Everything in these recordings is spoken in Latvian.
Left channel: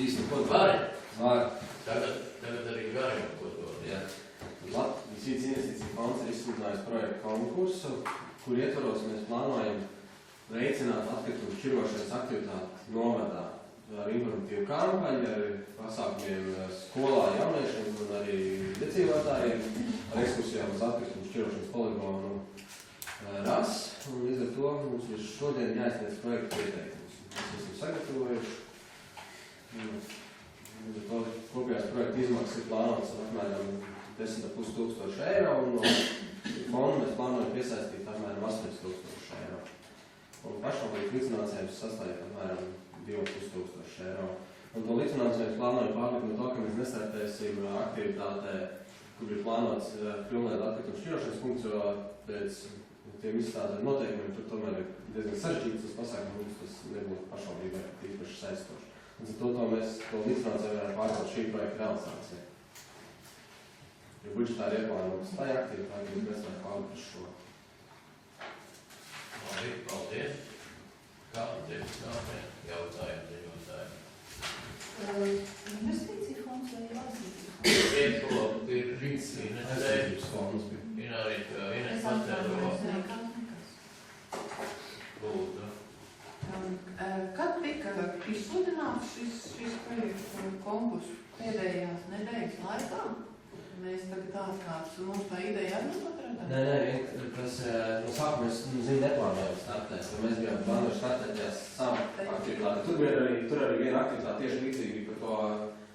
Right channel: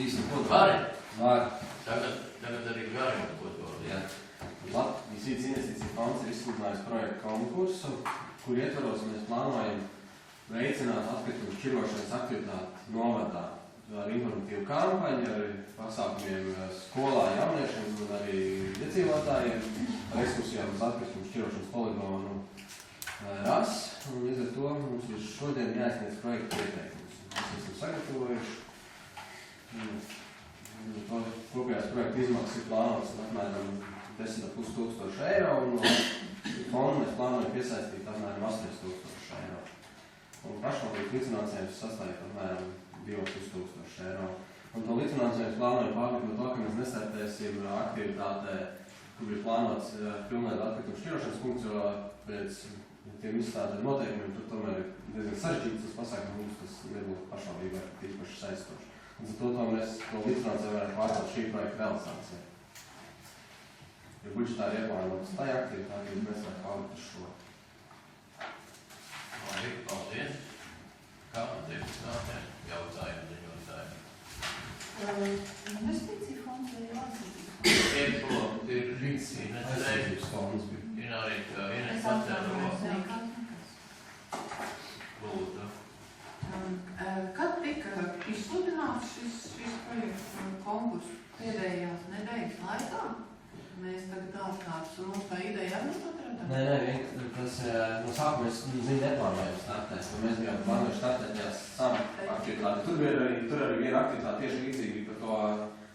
Īsti, ko Vari? Var. Tagad arī gari, ko to. Jā. Latvijas vidas investīcija fonds ir izsludinājis projektu konkursu, kur ietvaros mēs plānojam veicināt atkritumu šķirošanas aktivitāti novadā ar informatīvu kampaņu, ar pasākumiem skolā jauniešiem un arī iedzīvotājiem, ar ekskursijām uz atkritumu šķirošanas poligonu RAS. Un līdz ar to mums ir šodien jāizsniedz projektu pieteikums. Mēs esam sagatavojuši. Līdz ar to kopējās projekta izmaksas ir plānotas apmēram 10,5 tūkstoši eiro, un no fonda mēs plānojam piesaistīt apmēram 8,000 eiro. Un pašvaldību līdzfinansējums sastāv apmēram 2,5 tūkstoši eiro. Un to līdzfinansējums plānojam pārlikt no to, ka mēs nestartēsim aktivitātē, kur ir plānots pilnveida atkritumu šķirošanas punkts, jo pēc tiem izstrādātiem noteikumiem tur tomēr ir diezgan sarežģīts tas pasākums, tas nebūtu pašvaldībai īpaši saistoši. Un to mēs to līdzfinansējumu varētu pārcelt šī projekta realizācijai. Jo budžetāri ieplānotas tā aktivitāte, mēs varam pārlikt uz šo. Labi, paldies. Kā deputātiem jautājumi, ziņotājiem? Investīcija fonds vai jāsītības fonds? Iekšlo ir Aizsardzības fonds bija. Ir arī Ines Es Pacēro. atvainojos, Lūdzu. Kad tika izsludināts šis projekts konkurss pēdējās nedēļas laikā? Mēs tagad atkārtas, un mums tā ideja arī notradām? Nē, tas no sākuma mēs neplānojam startēt, jo mēs bijām plānojuši startēties sāma aktivitāti. Tur arī viena aktivitāte tieši līdzīgi par to,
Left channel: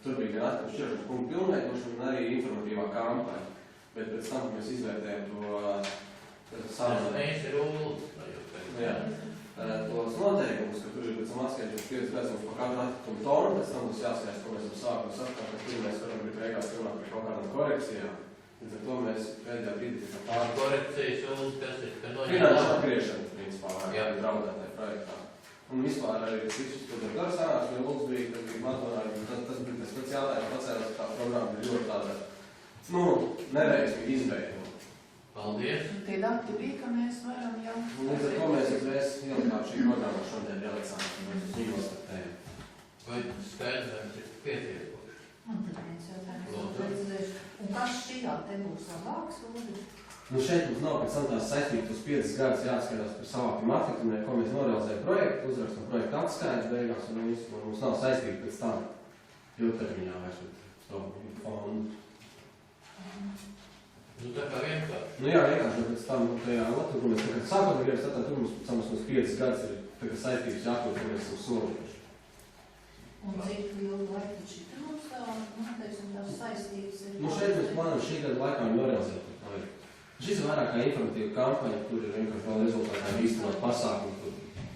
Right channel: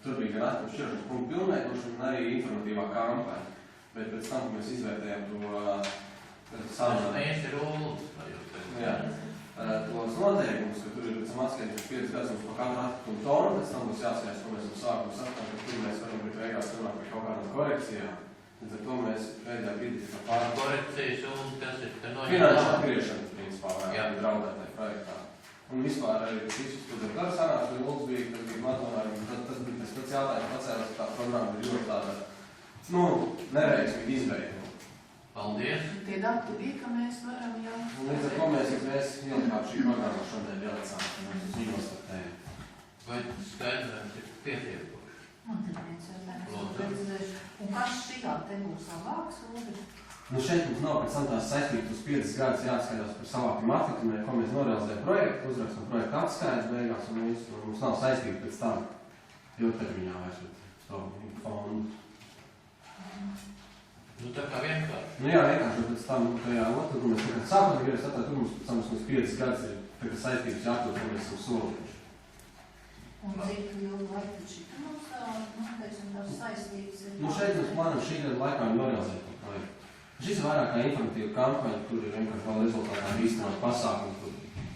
tur bija gan atkritumu šķirošanas punktu pilnveidošana un arī informatīvā kampaņa. Bet pēc tam, kad mēs izvērtējam to sāmu. Mēs ir Uldus, vai jūs tagad? Jā. Tos noteikumus, ka tur ir pēc tam atskaitīts 5 gadus par katru atkritumu tonu, pēc tam būs jāskatās, ko mēs sākuma sastāvā, ka tur mēs varam būt beigās runāt par kaut kādām korekcijām. Līdz ar to mēs pēdējā brīdī tika pārāk Korekcijas un kas ir, ka noņem finanšu atgriešana, principā, Jā. draudētai projektā. Un vispār arī tas viss, ko tur gara sanāks, un Lūdzu bija, kad bija matonājumi, tas bija tas pats jautājums pacēlās, ka tā programma ir ļoti tāda, neveiksmīgi izveidota. Paldies. Tie dati bija, ka mēs varam jau... Līdz ar to mēs ielikām šī programma šodien ielicām, mēs uz viņu nostartējam. Vai skaidrojums ir pietiekoši? Man tad viens jautājums. Lūdzu. Un kas šajā te būs labāks, Lūdzu? Šeit mums nav pēc tam tās saistības uz 5 gadus jāatskaitās par savākiem atlikumiem, ko mēs norealizējam projektu, uzrakstam projektu atskaitas beigās, un mums nav saistība pēc tam ilgtermiņā vairs ar to fondu. Tā kā vienkārši. Jā, vienkārši pēc tam, tajā otru, ko mēs tagad sākot gribas, tad tur mums pēc tam mums 5 gadus ir tagad saistības jākļūt, ko mēs esam solījuši. Un cik ilgu laiku šitā mums teiksim, tās saistības ir? Šeit mēs plānojam šī gada laikā norealizēt to projektu. Šis ir vairāk kā informatīva kampaņa, kur ir vienkārši vēl rezultātā īstenot pasākumu, kur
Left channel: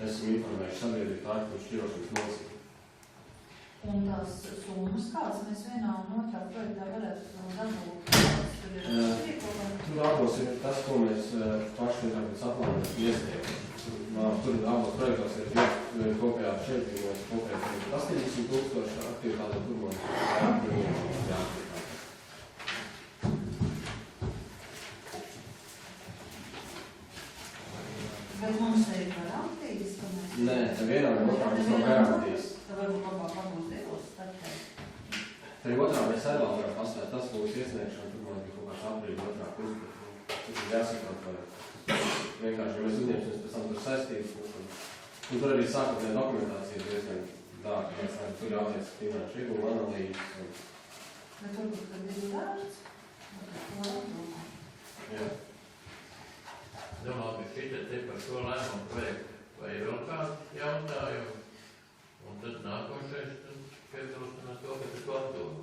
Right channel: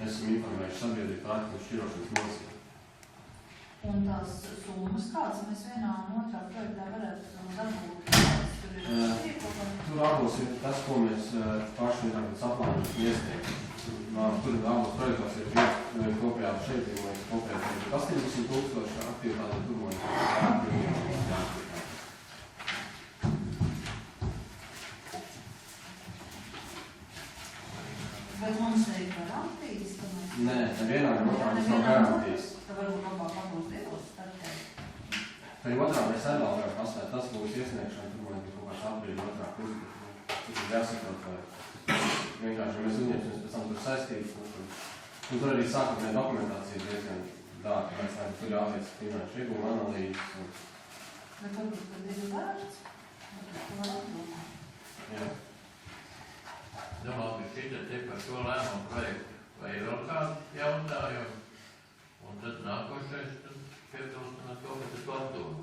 esam informējuši sabiedrību par atkritumu šķirošanas nosacījumu. Un tās summas kādas mēs vienā un otrā projektā varētu dabūt? Tur abos ir tas, ko mēs paši saplānojam iesniegt. Tur abos projektos ir kopējā šeit, mēs kopējā 18,000 aktivitāte, tur mums jāaktivitāte. Bet mums ir garantijas, ka mēs... Nē, vienā un otrā mums nav garantijas. Tā varbūt labāk abos divos startēt. Tad otrā mēs arī vēl varam pastāvēt, tas būs iesniegšana, tur man bija kaut kāds aprīļa otrā pusgada. Tas ir jāsaprot, vai vienkārši mēs uzņemsimies pēc tam tur saistības. Un tur arī sākotnē dokumentācija diezgan dārga, mēs tur jāveic finanšu ieguma analīzes. Bet varbūt, kad ir vērts, Jā. Domāju, ka šitā te par šo lēmumu projektu vai ir vēl kādi jautājumi. Un tad nākošais piebilstam ar to, ka tas atdomu.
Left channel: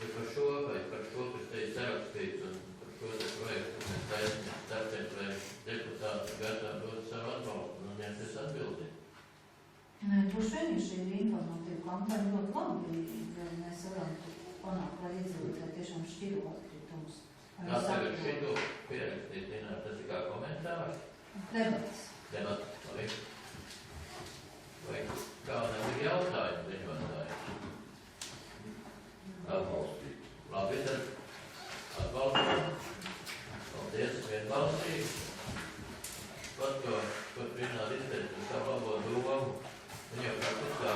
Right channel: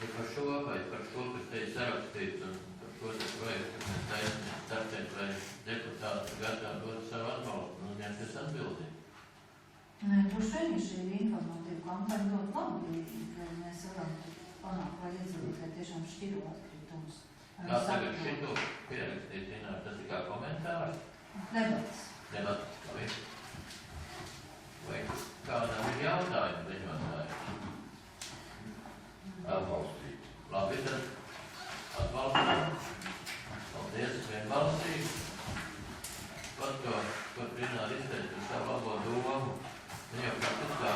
Ja par šo vai par šo, kas te ir sarakstīts un par šo te projektu, kas mēs taisnīgi startēt, vai deputāti gatavi dot savu atbalstu un ņemties atbildi. Nē, droši vien šī informatīva kampaņa ļoti labi, ja mēs varam panākt, lai iedzīvotāji tiešām šķiro atkritumus. Kā tagad šito pierakstīt, zināt, tas ir kā komentārs? Debats. Debats, vai kādam ir jautājumi ziņotāji? Atbalstīt. Labi, tad atbalstīt. Paldies, vienbalsīgi. Pat ko Rināri izteica savu labo domu, un jau kā tas kā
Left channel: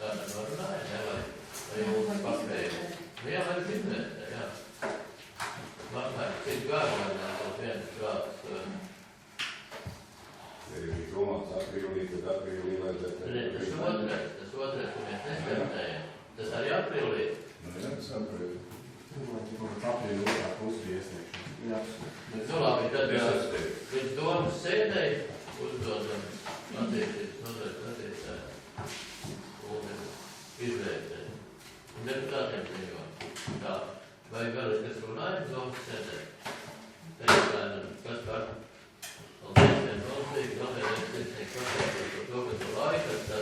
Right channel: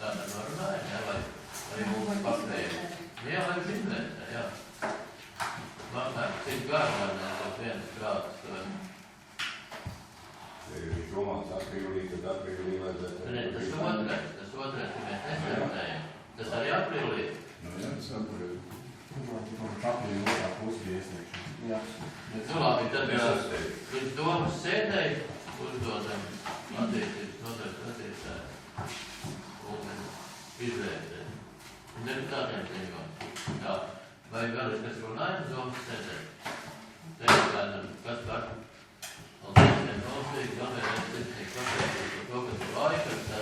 tāda norunāja, jā, lai mums paspēja. Jā, lai viņš izvērtē, jā. Apmēram cik gadu, lai nav viens prāts. Ja viņš domāts aprīlī, tad aprīlī vajadzētu. Ne, tas otrais, ka mēs nesvērtējam. Tas arī aprīlī. Nu, jā, tas aprīlī. Aprīļa otrā pusi bija iesniegšana. Jā. Nu, labi, tad līdz domas sēdēji uzdodam attiecības nodarīt un izvērtēt. Un deputātiem ziņot. Tā. Vai vēl es kas runāju domas sēdēji?